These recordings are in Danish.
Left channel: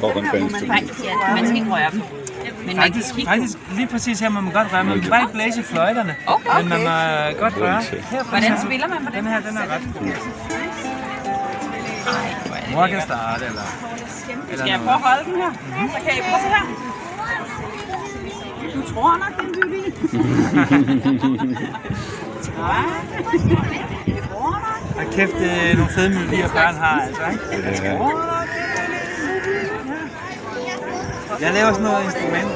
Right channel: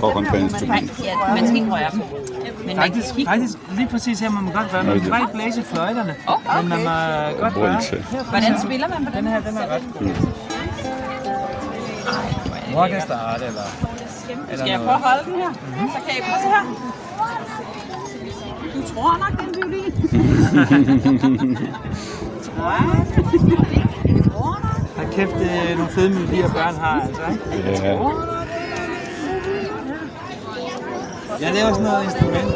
håndbærings-ting. Ja, man skal ikke røre dem. Men Faktisk, lige præcis her må man godt røre. Man kan bare ikke blæse i fløjterne, men man må godt røre. Her, hvordan spiller man på den? Den her, den er ret god. Mor kan starte, eller skal jeg prøve at holde den her? Så kan I prøve at se her. Du tror nok, det er en violin. Hold kæft, det er nogle fede melodier, børn har, altså, ikke? Ja. Jeg laver sådan noget instrument.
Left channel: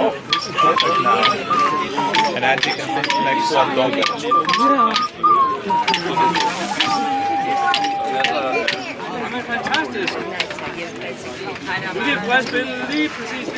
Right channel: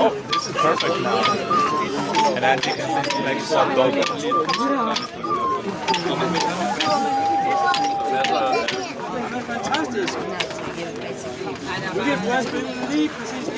Oh, this is perfect now. And I think like some dog. Det er fantastisk. Nu kan jeg prøve at spille lige præcis det.